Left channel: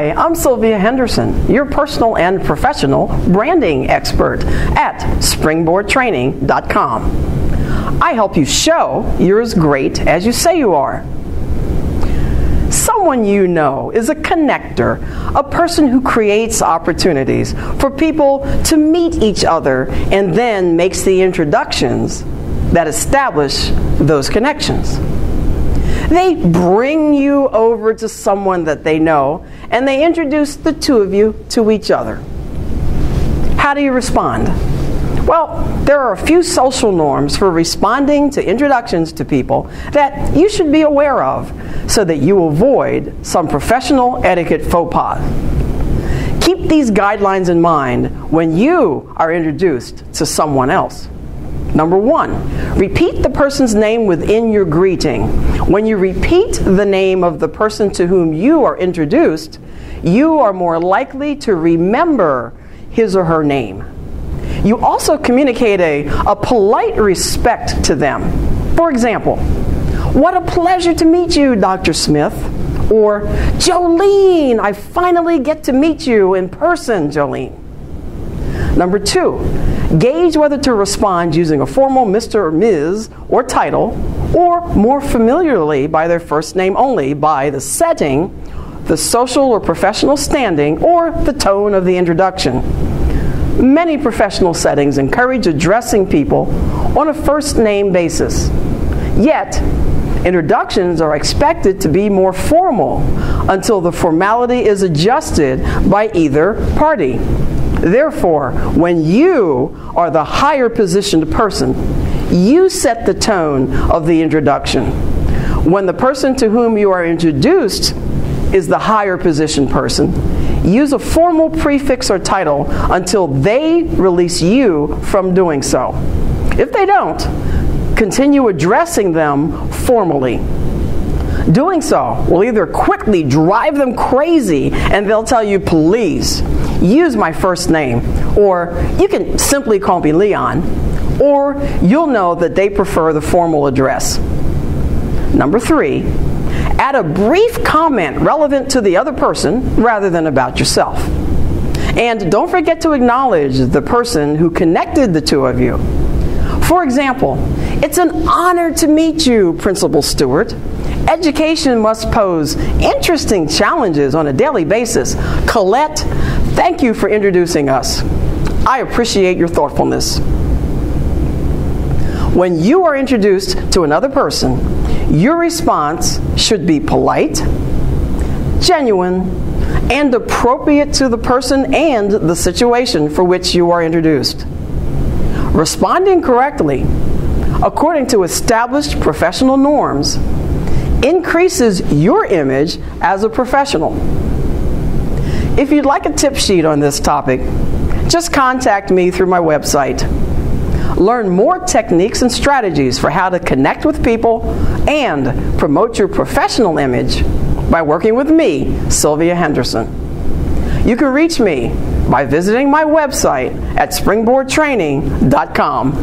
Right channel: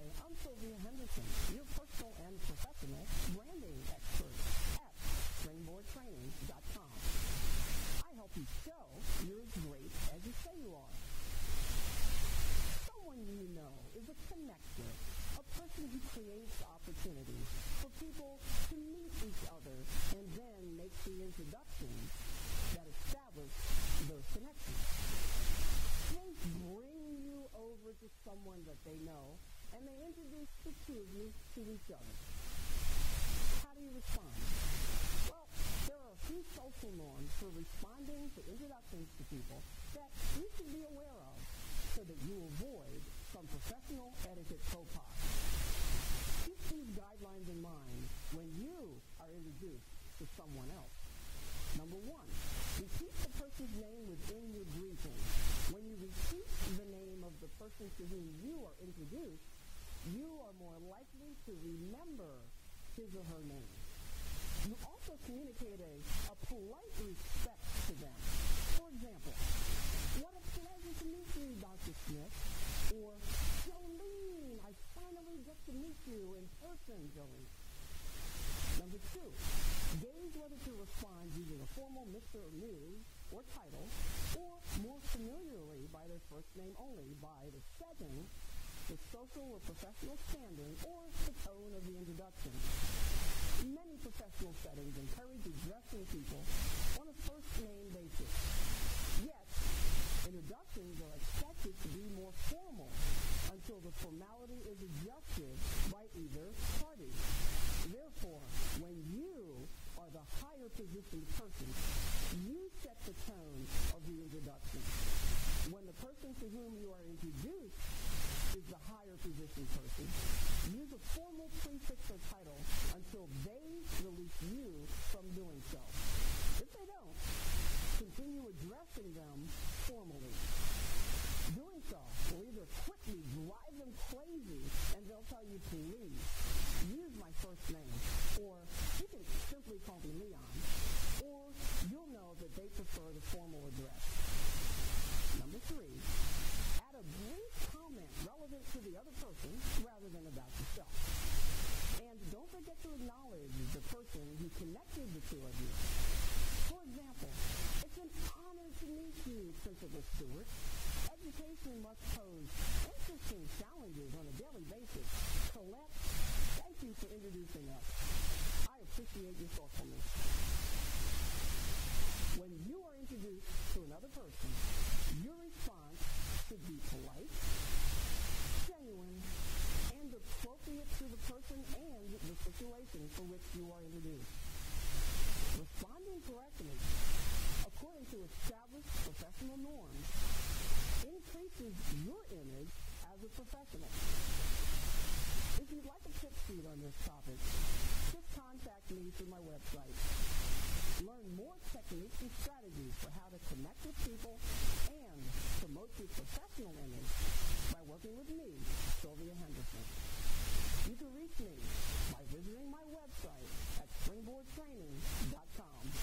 Hi, I'm Sylvia Henderson, your personal and professional branding expert at springboardtraining.com. I help you show you're as great as you say you are. Someone you know is a connector, a person who creates opportunities for people to meet each other and then makes the introductions that establish those connections. They bring you over to someone that they know, and they introduce the two of you to each other. How do you respond? Well, there are a few social norms for responding to introductions to people that you should be aware of so that you avoid some professional etiquette faux pas. Keep these guidelines in mind when you are introduced to someone else. Number 1, repeat the person's name within your greeting. When you repeat the name of the person to whom you are introduced, you are more likely to remember his or her name. You also communicate a polite respect to them. For example, "What a pleasure to meet you, Dr. Smith." Or, "Jolene, I finally get to meet you in person, Jolene." Number 2, gauge whether to respond using a formal Mr. or Ms. or title, or more familiarly by their first name only by the setting, the social or professional standing, or the tone of the introduction. Many professional settings encourage addressing people on a first name basis. Yet, introductions are expected to be more formal until the formality is adjusted by either party. Therefore, when you are the higher positioned person, you set the tone of the introduction. When the person to whom you are introduced is the higher positioned person, use a formal prefix or title until they release you from doing so. If they don't, continue addressing them formally. Doing so will either quickly drive them crazy and they'll tell you, "Please, use my first name," or "You can simply call me Leon," or you'll know that they prefer the formal address. Number 3, add a brief comment relevant to the other person rather than about yourself. And don't forget to acknowledge the person who connected the two of you. For example, "It's an honor to meet you, Principal Stewart. Education must pose interesting challenges on a daily basis. Colette, thank you for introducing us. I appreciate your thoughtfulness." When you are introduced to another person, your response should be polite, genuine, and appropriate to the person and the situation for which you are introduced. Responding correctly, according to established professional norms, increases your image as a professional. If you'd like a tip sheet on this topic, just contact me through my website. Learn more techniques and strategies for how to connect with people and promote your professional image by working with me, Sylvia Henderson. You can reach me by visiting my website at springboardtraining.com.